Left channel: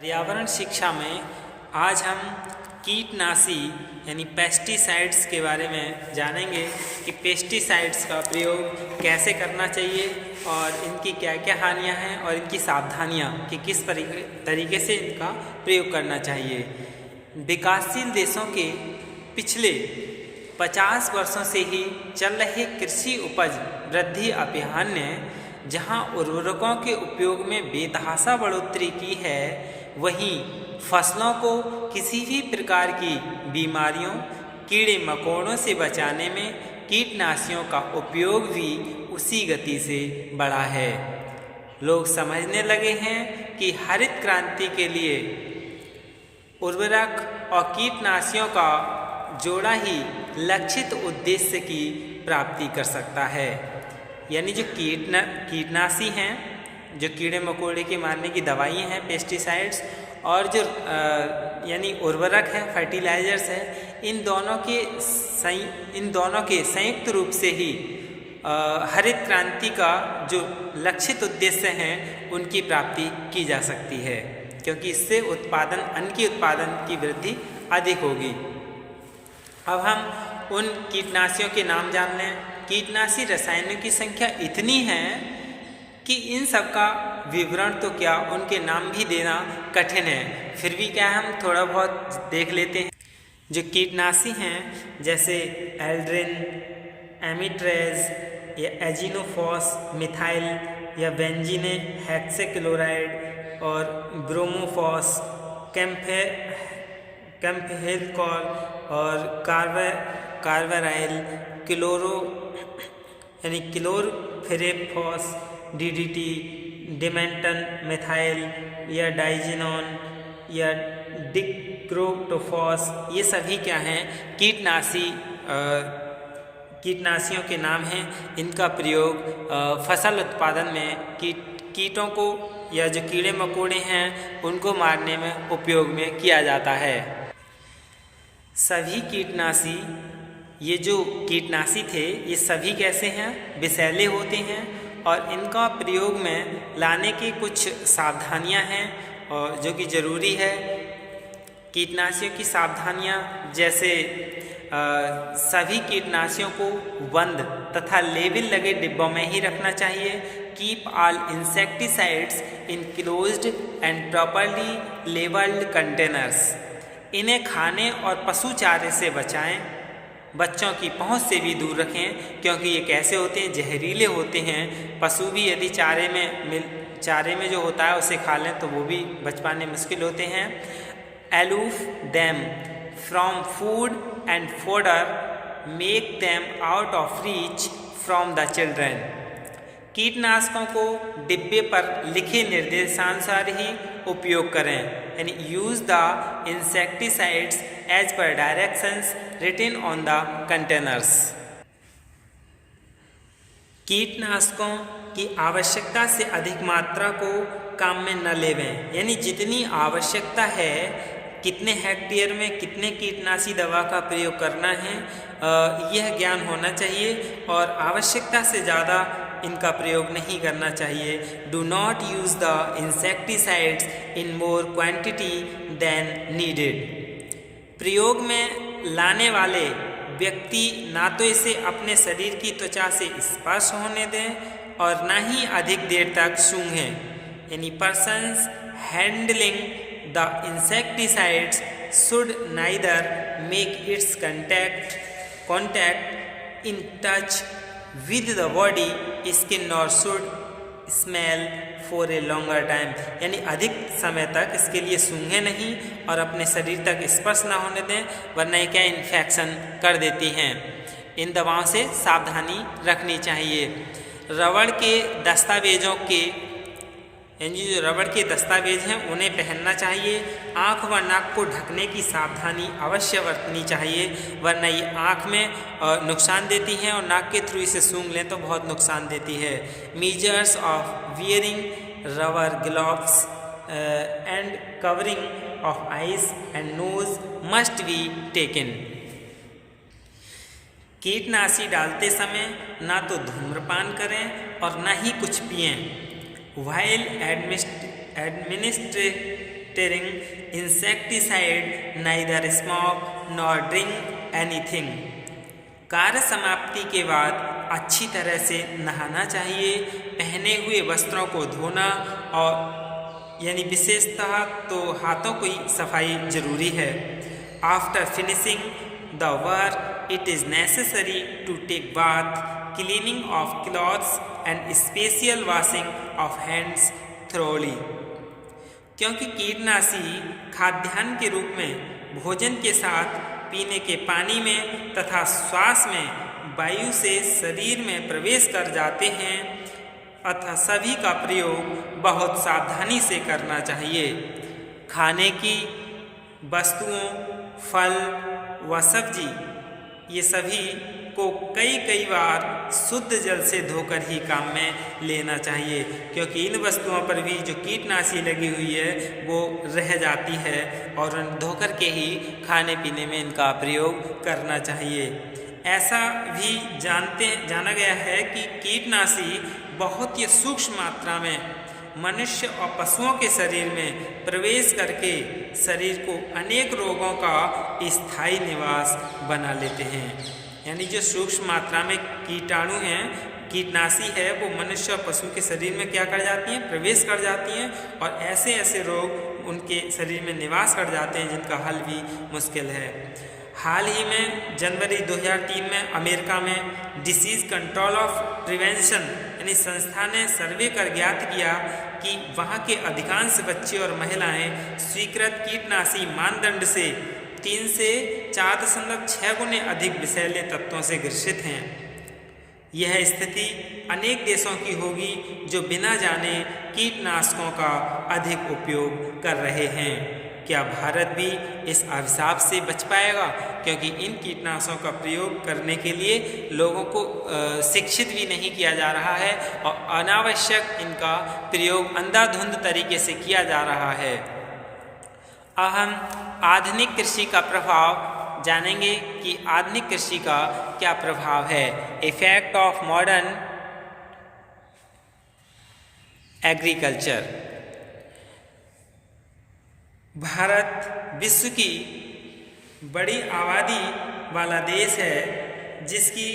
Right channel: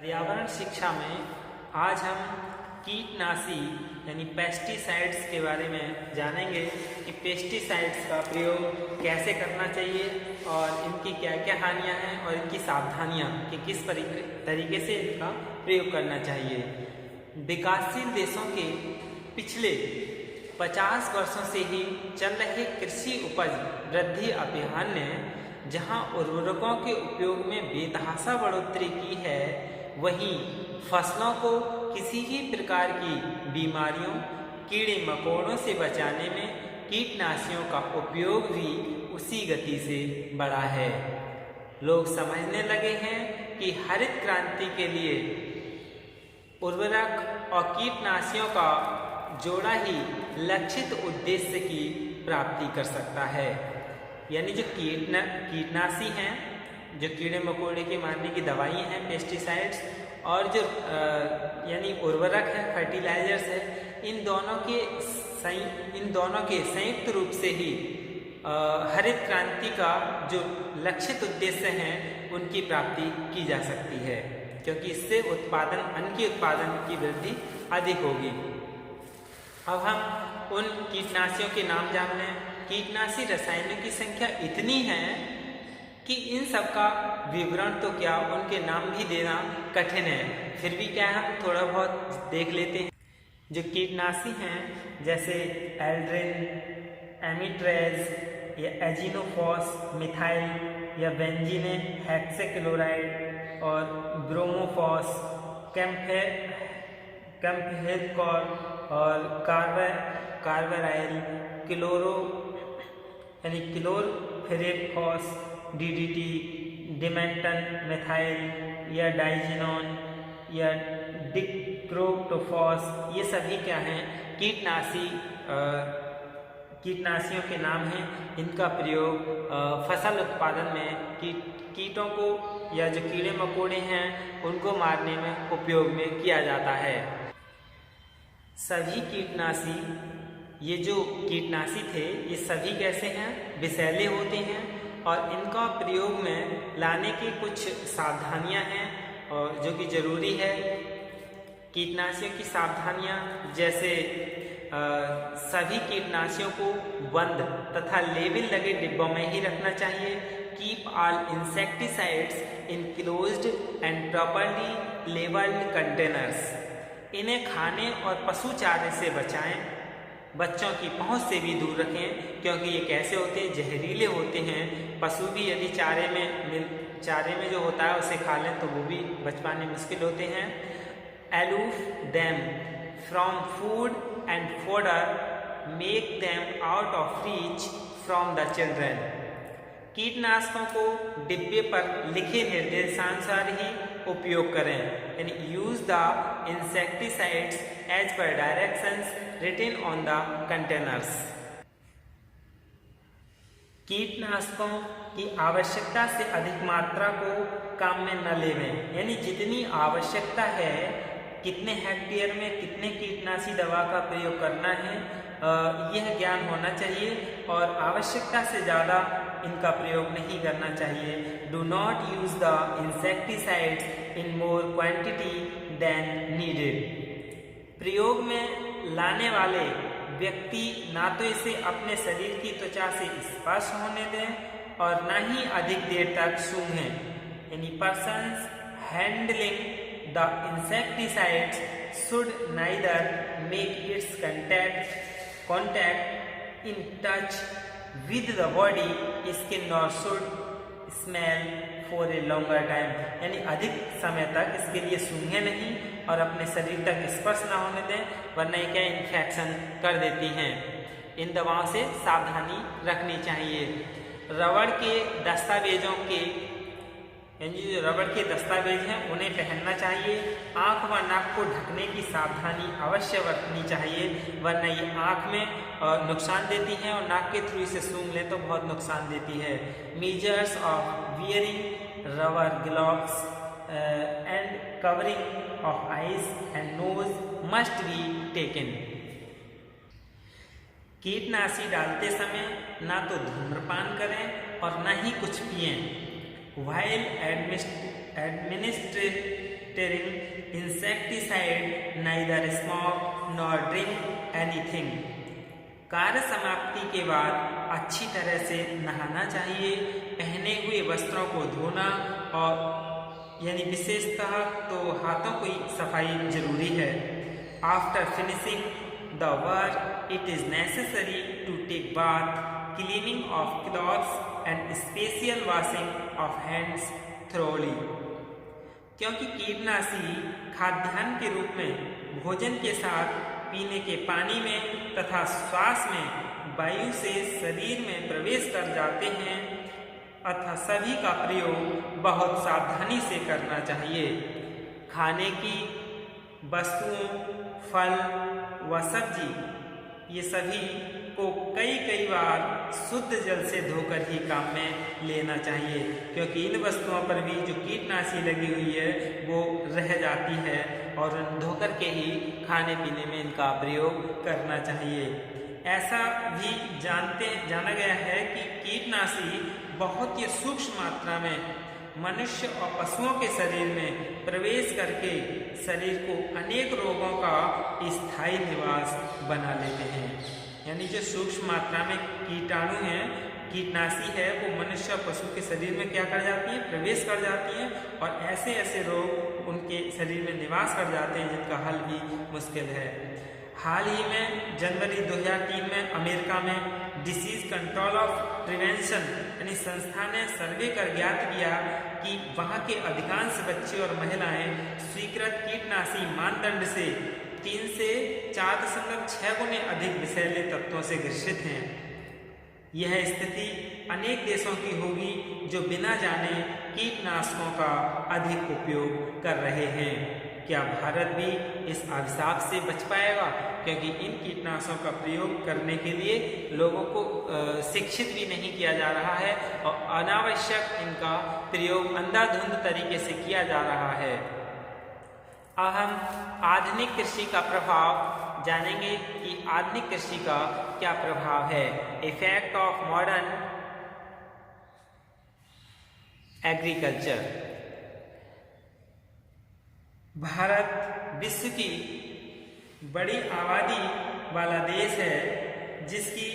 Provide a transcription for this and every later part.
पर्यावरण शिक्षा में आज हम कीटनाशी यानी पेस्टिसाइड्स के बारे में जानेंगे कि पेस्टिसाइड्स का प्रयोग कैसे करना चाहिए और इनकी क्या क्या हानियां हैं और इनकी सावधानियां कि किस तरीके से इनका प्रयोग करना चाहिए। विकासशील देशों के पिछले 50 वर्षों से ही चल रहे कृषि उपज वृद्धि अभियान ने जहां उर्वरकों के उपयोग में बेतहाशा बढ़ोतरी की है, वहीं फसलों को किसी भी प्रकार की बीमारियों, कीड़े मकोड़ों से बचाने में कीटनाशियों का उपयोग भी उसी गति से बढ़ा है। लोग समझने लगे हैं कि हरित क्रांति के लिए उर्वरक और कीटनाशियों का जोड़ा ही लक्षित उद्देश्य की प्राप्ति कर सकता है। यानी जो कीटनाशी हैं, जो कीड़े मकोड़े के मारने की दवाइयाँ हैं पेस्टिसाइड्स, और जो यानी उर्वरक हैं फर्टिलाइजर्स हैं, इन दोनों के संयुक्त रूप से ही हरित क्रांति का जो लक्षित उद्देश्य हैं उनकी प्राप्ति की जा सकती है, क्योंकि इससे अन्न के उत्पादन की वृद्धि अधिक होगी। अब हम उन कीटनाशियों के नाम जान लें। कीटनाशी रसायनों की संख्या इतनी है कि इन सब का विवरण तो क्या, उनके नाम भी देना कठिन है। फिर भी क्या हम थोड़ा बहुत देख लेते हैं। जो कीटनाशी हैं जैसे एल्ड्रिन, एमिट्रेज या एजिनोफॉस मिथाइल या बेंजीने हेक्सेक्लोराइड और ब्रोमोफॉस, कैम्फेल्कॉल और कार्बेराइल, क्लोरफिरेफॉस, डीडीटी, डिमेंटन मिथाइल या डाइजिनॉन या डिक्रोटोफॉस, ये सभी क्या हैं कीटनाशियों के नाम हैं। इनका प्रयोग फसल उत्पादन में कीटों को या जो कीड़े मकोड़े हैं उनको मारने में उपयोग में किया जाता है। सभी कीटनाशी, ये जो कीटनाशी थे, ये सभी कैसे हैं, विषैले होते हैं और इनका प्रयोग में लाने की कुछ सावधानियां हैं और जो कि ज़रूरी है। कीटनाशियों की सावधानियां जैसे सभी कीटनाशियों को बंद तथा लेबल लगे डिब्बों में ही रखना चाहिए। कीप ऑल इंसेक्टिसाइड्स इन closed end properly labelled containers. इन्हें खाने और पशु चारे से बचाएं। बच्चों की पहुंच से भी दूर रखें, क्योंकि ये कैसे होते हैं, जहरीले होते हैं। पशु भी यदि चारे में जो होता है उसे खा लें तो वो भी बच पाने मुश्किल होते हैं। Aloof them from food and fodder, make them out of reach from the children. कीटनाशकों को डिब्बे पर लिखे निर्देशानुसार ही उपयोग करें, यानी use the insecticides as per directions written on the containers. कीटनाशकों की आवश्यकता से अधिक मात्रा को काम में न लेवें, यानी जितनी आवश्यकता है, कितने हेक्टेयर में कितने कीटनाशी दवा का प्रयोग करना है, यह ज्ञान होना चाहिए और आवश्यकता से ज़्यादा इनका प्रयोग नहीं करना चाहिए। Do not use the insecticides in more quantity than needed. प्रयोग में लाने वाले व्यक्ति ना तो इसे अपने शरीर की त्वचा से स्पर्श होने दें और ना ही अधिक देर तक सूंघें। यानी persons handling the insecticides should neither make it's contact in touch with the body skin or should smell for a longer time। यानी अधिक समय तक इसके लिए सूंघे नहीं और अपने शरीर तक स्पर्श ना होने दें, वरना ये क्या इन्फेक्शन कर देती हैं। इन दवाओं से सावधानी रखनी चाहिए। रबड़ के दस्तावेजों के यानी जो रबड़ के दस्तावेज हैं उन्हें पहनना चाहिए। आँख व नाक को ढकने की सावधानी अवश्य बरतनी चाहिए, वरना ये आँख में नुकसान देती हैं और नाक के थ्रू इसे सूंघ लें तो बहुत नुकसान देती है। Measures of wearing rubber gloves and covering of eyes and nose must be taken. कीटनाशी डालते समय ना तो धूम्रपान करें और ना ही कुछ पिएं। While administering insecticide, neither smoke nor drink anything. कार्य समाप्ति के बाद अच्छी तरह से नहाना चाहिए, पहने हुए वस्त्रों को धोना और यानी विशेषतः तो हाथों की सफाई जरूरी है। After finishing the work it is necessary to take bath, cleaning of clothes and special washing of hands thoroughly. क्योंकि कीटनाशी खाद्यान्न के रूप में भोजन के साथ पीने के पानी में तथा श्वास में वायु से शरीर में प्रवेश कर जाते हैं, अतः सभी का प्रयोग बहुत सावधानी से करना चाहिए। खाने की वस्तुओं, फल व सब्जी ये सभी को कई बार शुद्ध जल से धोकर ही काम में लेना चाहिए, क्योंकि इन वस्तुओं पर भी जो कीटनाशी लगी हुई है वो रह जाती है और धोकर के ही खाने पीने में इनका प्रयोग करना चाहिए। ऐसा भी जाना गया है कि कीटनाशी बहुत ही सूक्ष्म मात्रा में मनुष्य और पशुओं के शरीर में प्रवेश करके शरीर को अनेक रोगों का स्थायी निवास बना लेते हैं। यानी जो सूक्ष्म मात्रा में कीटाणु हैं, कीटनाशी है, वो मनुष्य और पशु के शरीर में क्या कर जाती हैं, प्रवेश कर जाती हैं और ऐसे रोग उनके शरीर में निवास कर जाते हैं जिनका हल भी मुश्किल है। हाल ही में जनवरी 2003 में अमेरिका में डिसीज़ कंट्रोल ऑफ प्रिवेंशन यानी संस्था ने सर्वे कर ज्ञात किया कि वहाँ के अधिकांश बच्चे और महिलाएं स्वीकृत कीटनाशी मानदंड से 3 से 4.6 गुने अधिक विषैले तत्वों से ग्रसित हैं। यह स्थिति अनेक देशों की होगी जो बिना जाने कीटनाशकों का अधिक उपयोग कर रहे हैं। क्या भारत भी इस अभिशाप से बच पाएगा? क्योंकि इन कीटनाशकों का प्रयोग करने के लिए लोगों को शिक्षित भी नहीं किया जा रहा है और अनावश्यक इनका प्रयोग अंधाधुंध तरीके से किया जा रहा है। अब हम आधुनिक कृषि का प्रभाव जानेंगे कि आधुनिक कृषि का क्या प्रभाव है। Effect of modern agriculture. Bharat विश्व की बड़ी आबादी वाला देश है जिसकी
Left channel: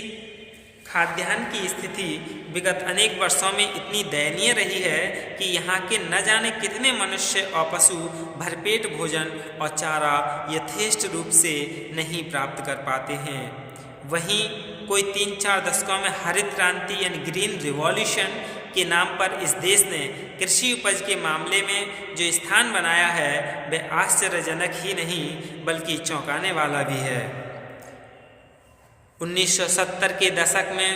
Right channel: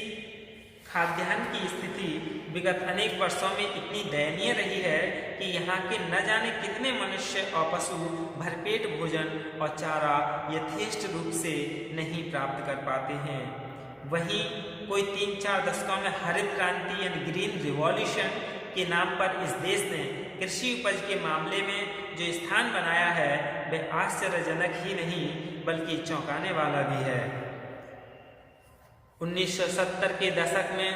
खाद्यान्न की स्थिति विगत अनेक वर्षों में इतनी दयनीय रही है कि यहाँ के न जाने कितने मनुष्य और पशु भरपेट भोजन और चारा यथेष्ट रूप से नहीं प्राप्त कर पाते हैं। वहीं कोई 3-4 दशकों में हरित क्रांति यानी ग्रीन रिवॉल्यूशन के नाम पर इस देश ने कृषि उपज के मामले में जो स्थान बनाया है वह आश्चर्यजनक ही नहीं बल्कि चौंकाने वाला भी है। 1970 के दशक में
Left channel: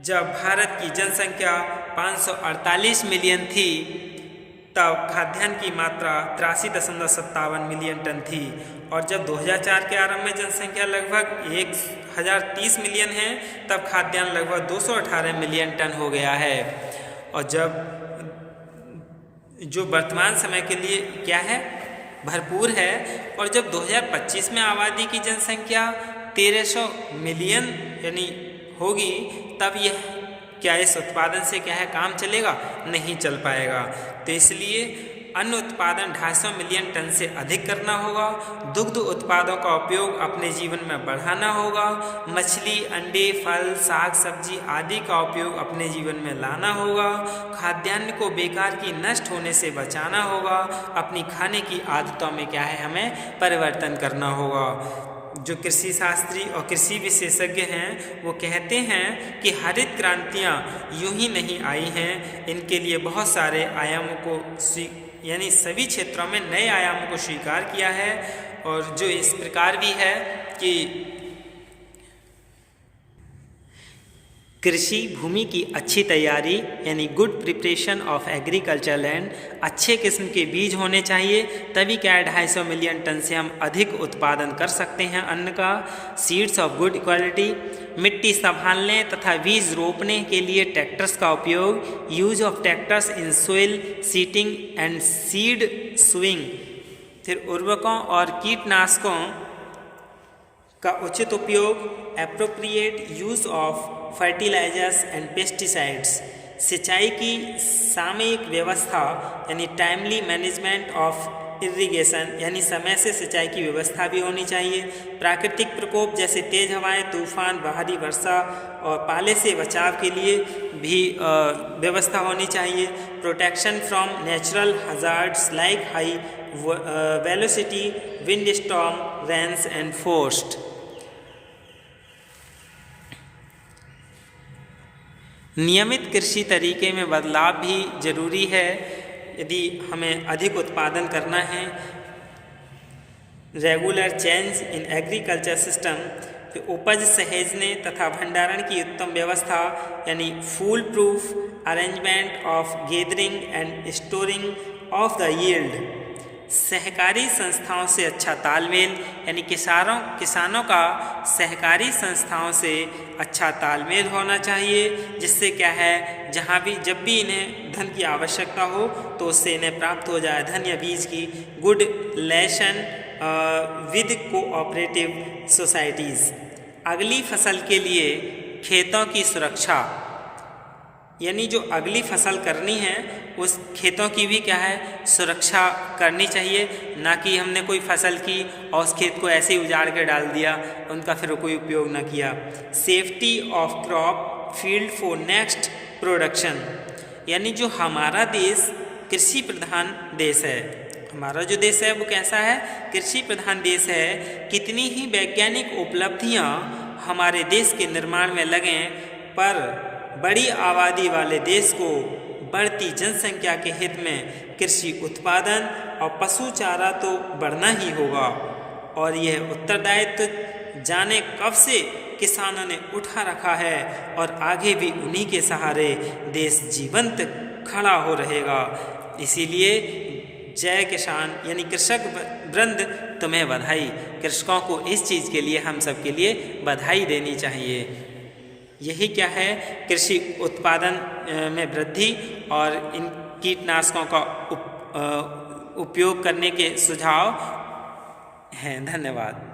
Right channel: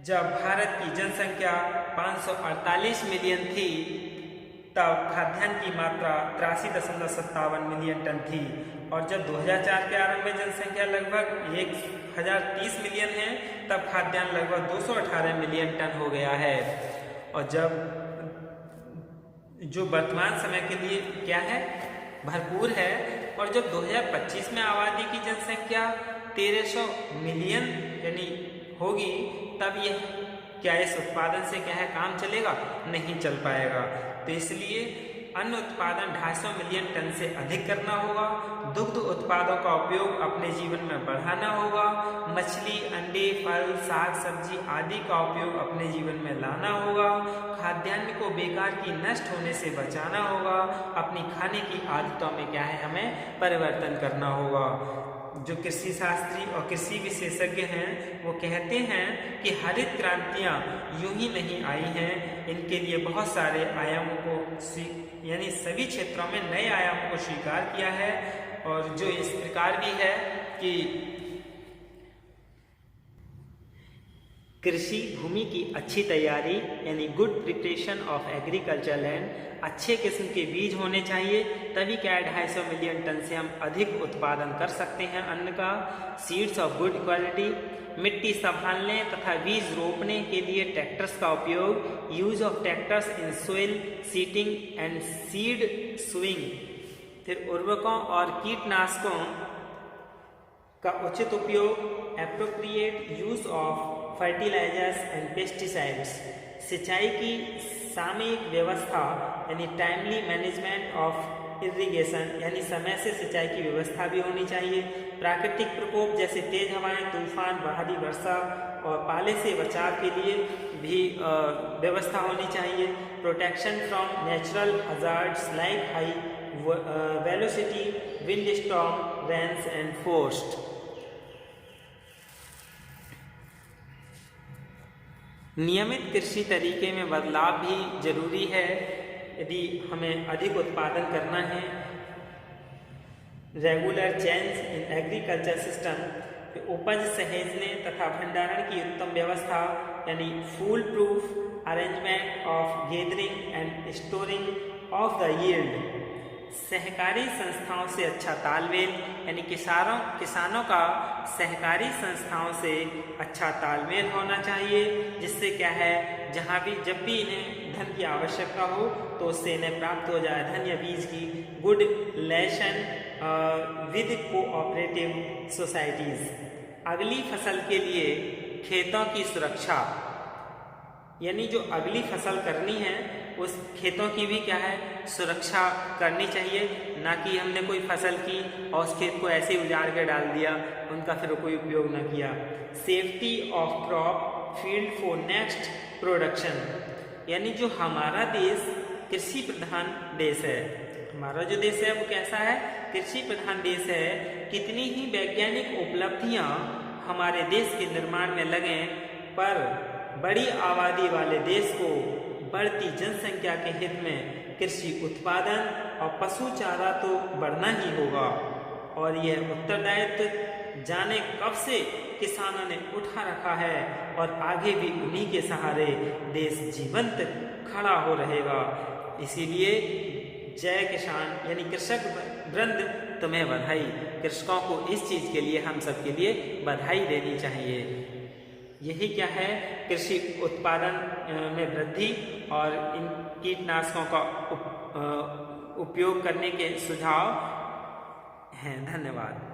जब भारत की जनसंख्या 548 मिलियन थी तब खाद्यान्न की मात्रा 83.57 मिलियन टन थी और जब 2004 के आरंभ में जनसंख्या लगभग 1030 मिलियन है तब खाद्यान्न लगभग 218 मिलियन टन हो गया है। और जब जो वर्तमान समय के लिए क्या है, भरपूर है। और जब 2025 में आबादी की जनसंख्या 1300 मिलियन यानी होगी तब यह क्या इस उत्पादन से क्या है काम चलेगा? नहीं चल पाएगा। तो इसलिए अन्न उत्पादन 250 मिलियन टन से अधिक करना होगा। दुग्ध उत्पादों का उपयोग अपने जीवन में बढ़ाना होगा। मछली, अंडे, फल, साग सब्जी आदि का उपयोग अपने जीवन में लाना होगा। खाद्यान्न को बेकार की नष्ट होने से बचाना होगा। अपनी खाने की आदतों में क्या है हमें परिवर्तन करना होगा। जो कृषि शास्त्री और कृषि विशेषज्ञ हैं वो कहते हैं कि हरित क्रांतियाँ यूं ही नहीं आई हैं, इनके लिए बहुत सारे आयामों को यानी सभी क्षेत्रों में नए आयामों को स्वीकार किया है। और जो इस प्रकार भी है कि कृषि भूमि की अच्छी तैयारी यानी good preparation of agriculture land, अच्छे किस्म के बीज होने चाहिए, तभी क्या है 250 मिलियन टन से हम अधिक उत्पादन कर सकते हैं अन्न का। सीड्स ऑफ गुड क्वालिटी, मिट्टी संभालने तथा बीज रोपने के लिए ट्रैक्टर्स का उपयोग। Use of tractors in soil seating and seed sowing. फिर उर्वरकों और कीटनाशकों का उचित उपयोग। Appropriate use of fertilizers and pesticides, सिंचाई की सामयिक व्यवस्था यानी टाइमली मैनेजमेंट ऑफ इरिगेशन यानी समय से सिंचाई की व्यवस्था भी होनी चाहिए। प्राकृतिक प्रकोप जैसे तेज हवाएं, तूफान, बाहरी वर्षा और पाले से बचाव के लिए भी व्यवस्था होनी चाहिए। Protection from natural hazards like high velocity wind storm rains and frost. नियमित कृषि तरीके में बदलाव भी जरूरी है यदि हमें अधिक उत्पादन करना है। Regular change in agriculture system, उपज सहेजने तथा भंडारण की उत्तम व्यवस्था यानी foolproof arrangement of gathering and storing of the yield. सहकारी संस्थाओं से अच्छा तालमेल यानी किसानों का सहकारी संस्थाओं से अच्छा तालमेल होना चाहिए, जिससे क्या है जब भी इन्हें धन की आवश्यकता हो तो उससे इन्हें प्राप्त हो जाए धन या बीज की। Good relation with cooperative societies. अगली फसल के लिए खेतों की सुरक्षा यानी जो अगली फसल करनी है उस खेतों की भी क्या है सुरक्षा करनी चाहिए, ना कि हमने कोई फसल की और उस खेत को ऐसे ही उजाड़ कर डाल दिया, उनका फिर कोई उपयोग ना किया। Safety of crop field for next production यानी जो हमारा देश कृषि प्रधान देश है, हमारा जो देश है वो कैसा है कृषि प्रधान देश है। कितनी ही वैज्ञानिक उपलब्धियाँ हमारे देश के निर्माण में लगें, पर बड़ी आबादी वाले देश को बढ़ती जनसंख्या के हित में कृषि उत्पादन और पशु चारा तो बढ़ना ही होगा। और यह उत्तरदायित्व जाने कब से किसानों ने उठा रखा है और आगे भी उन्हीं के सहारे देश जीवंत खड़ा हो रहेगा। इसीलिए जय किसान यानी कृषक वृंद तुम्हें बधाई। कृषकों को इस चीज़ के लिए हम सब के लिए बधाई देनी चाहिए। यही क्या है कृषि उत्पादन में वृद्धि और इन कीटनाशकों का उपयोग करने के सुझाव हैं। धन्यवाद।